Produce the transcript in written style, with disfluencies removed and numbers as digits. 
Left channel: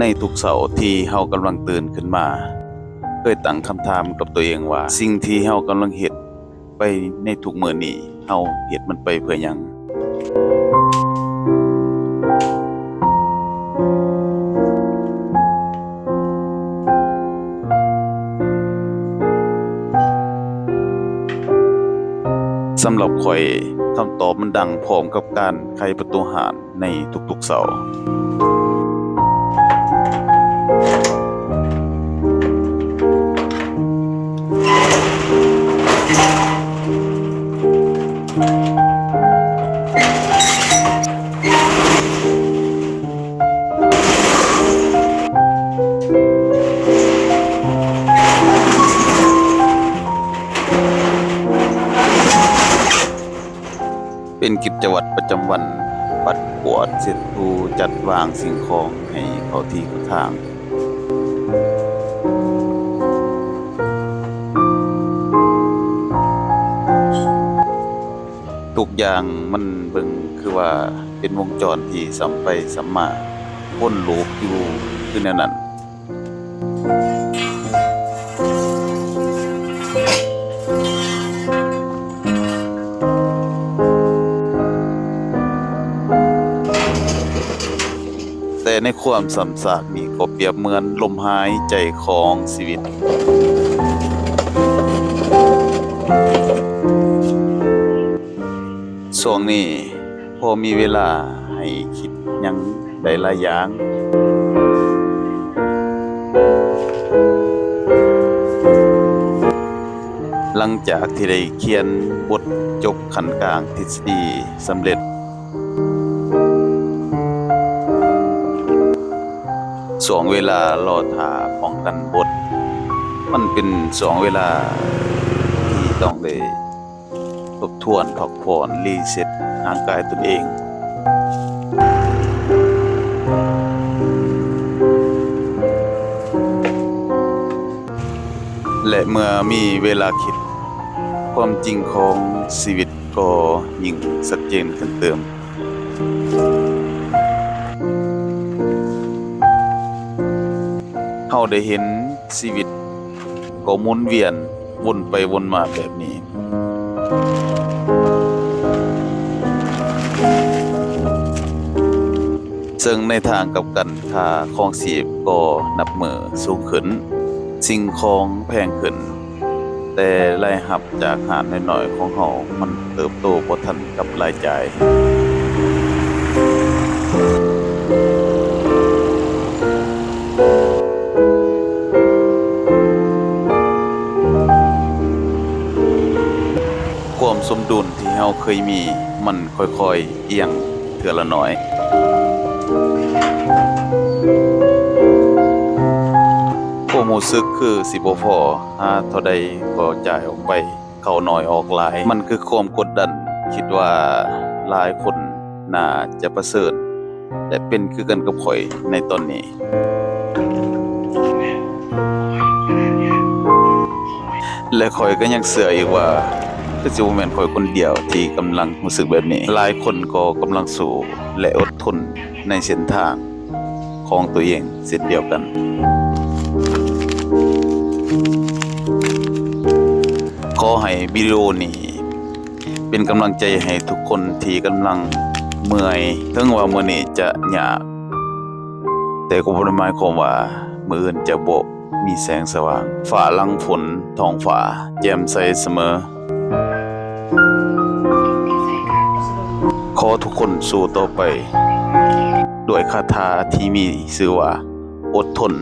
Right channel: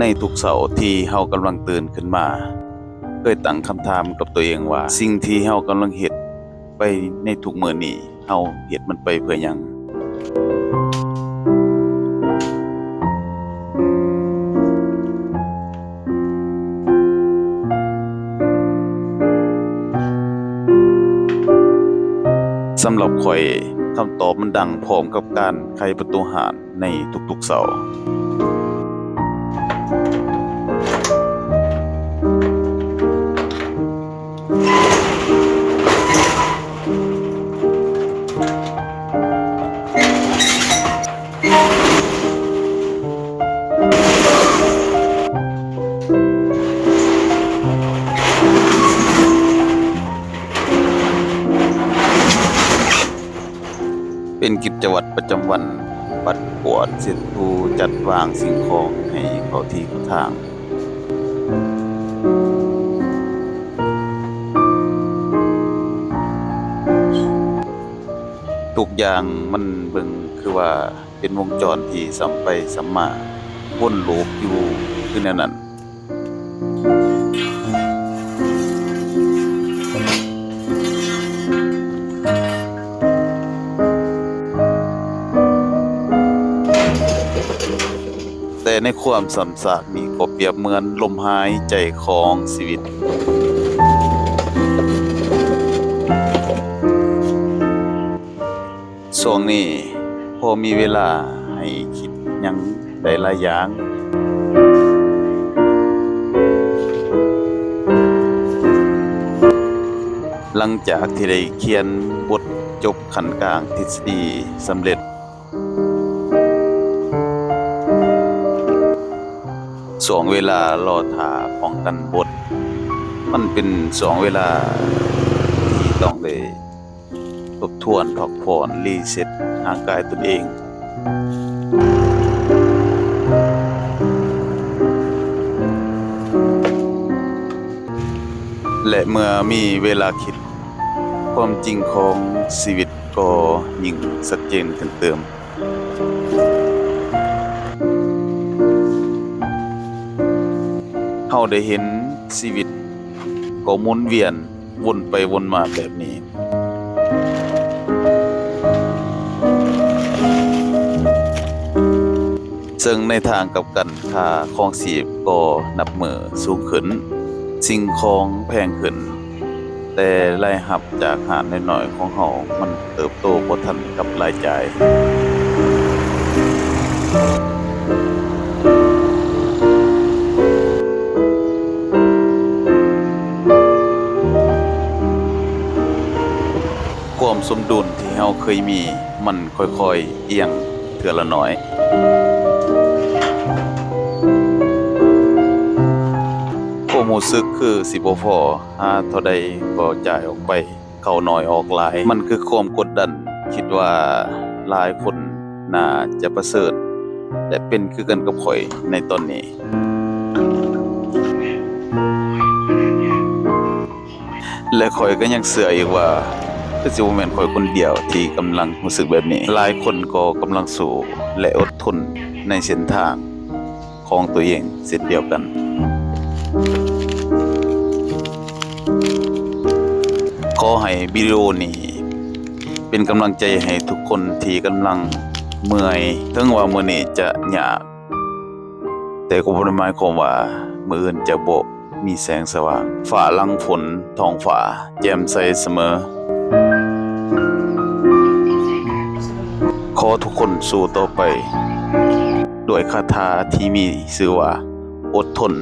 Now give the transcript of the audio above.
ในทุกเช้าที่เฮากำลังตื่นขึ้นมาเคยตั้งคำถามกับตัวเองว่าสิ่งที่เฮากำลังเฮ็ดไปในทุกมื้อนี้เฮาเฮ็ดมันไปเพื่อหยังสำหรับข้อยคำตอบมันดังพร้อมกับการไขประตูห้านในทุกๆเช้าเป็นกิจวัตรประจำวันปัดกวาดเช็ดถูจัดวางสิ่งของให้เข้าที่เข้าทางทุกอย่างมันเบิ่งคือว่าเป็นวงจรที่ซ้ำไปซ้ำมาวนลูปอยู่คือแนวนั้นแต่ในความซ้ำซากนี้ก็เปรียบเหมือนลมหายใจของชีวิตช่วงนี้พอมีเวลาให้คิดหยังได้หลายอย่างหลังจากที่ได้เขียนบทจบขั้นกลางทฤษฎีสำเร็จช่วงเวลารอท่าป้องกันบทมันเป็นช่วงเวลาที่ต้องได้ทบทวนพักผ่อนรีเซ็ตร่างกายตนเองและเมื่อมีเวลาคิดความจริงของชีวิตก็ยิ่งชัดเจนขึ้นเติมเฮาได้เห็นชีวิตก็หมุนเวียนวนไปวนมาแบบนี้ซึ่งในทางกลับกันค่าครองชีพก็นับมื้อสูงขึ้นสิ่งของแพงขึ้นแต่รายรับจากหาดน้อยๆของเฮามันเติบโตบ่ทันกับรายจ่ายความสมดุลที่เฮาเคยมีมันค่อยๆเอียงเทื่อละน้อยความรู้สึกคือสิบ่พอหาเท่าใดก็จ่ายออกไปเข้าน้อยออกหลายมันคือความกดดันคิดว่าหลายคนน่าจะประเสริฐและเป็นคือกันกับข้อยในตอนนี้และข้อยก็ยังเชื่ออีกว่าคือสิบ่แม่นข้อยคนเดียวที่กำลังรู้สึกแบบนี้หลายคนก็กำลังสู้และอดทนในเส้นทางของตัวเองเช่นเดียวกันขอให้วิดีโอนี้เป็นกำลังใจให้ทุกคนที่กำลังเมื่อยถึงว่ามื้อนี้จะยากแต่ก็บ่ได้หมายความว่ามื้ออื่นจะบ่มีแสงสว่างฟ้าหลังฝนท้องฟ้าแจ่มใสเสมอขอทุกคนสู้ต่อไปด้วยคาถาที่มีชื่อว่าอดทน